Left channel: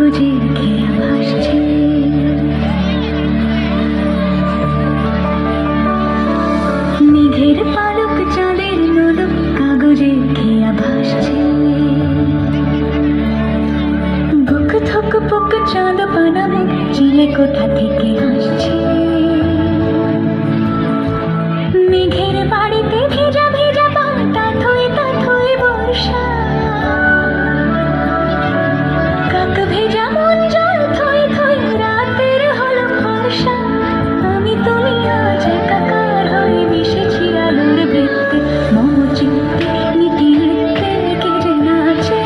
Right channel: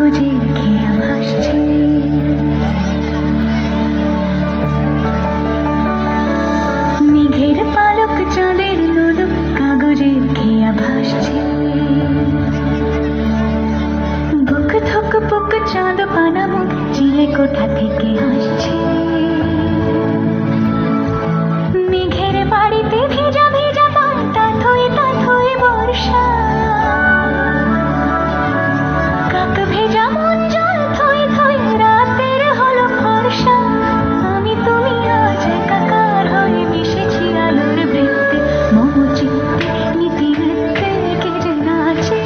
কাগজের খেয়া ভাসছে, মেঘের পালক চাঁদের নোলক কাগজের খেয়া ভাসছে। বুক থক বুক চাঁদ পানা মুখ চিলে কোথা থেকে আসছে। মেঘের বাড়িতে ভেজা ভেজা পাতা থই থই বর্ষা, কাক ভেজা মন জল থই থই রাতের হলো ভরসা। আমি তুমি আজ একাকার হয়ে মিশেছি আলোর বৃত্তে, মম চিত্তে নীতি নৃত্যে কে যে নাচে।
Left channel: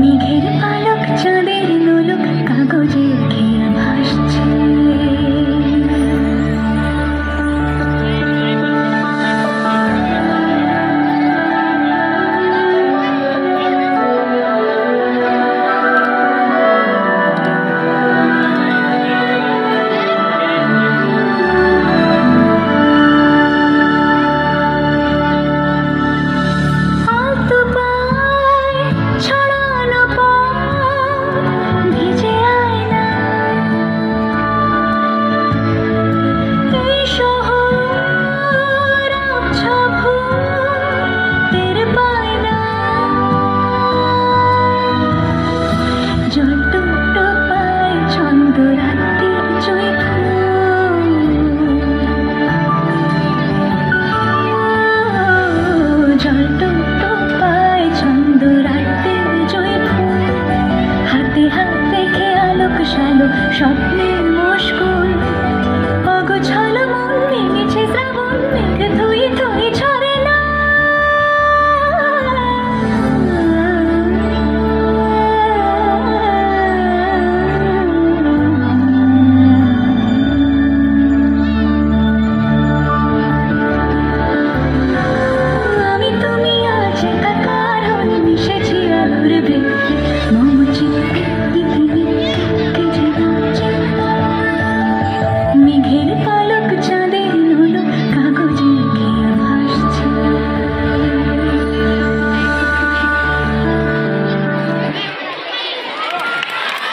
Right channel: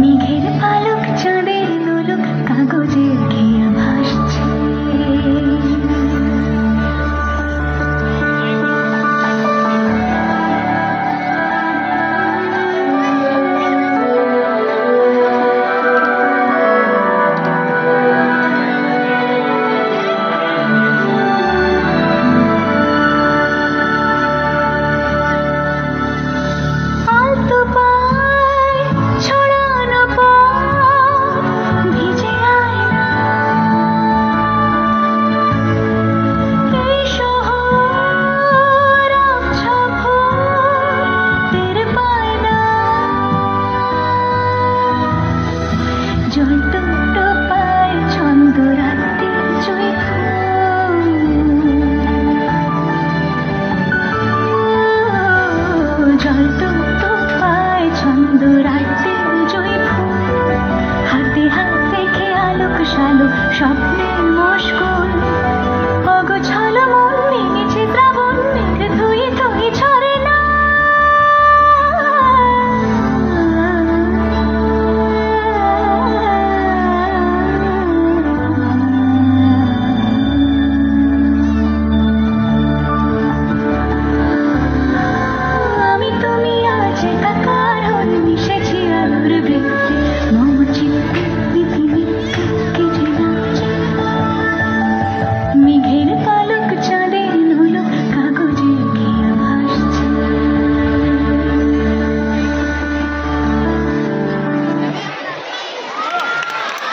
মেঘের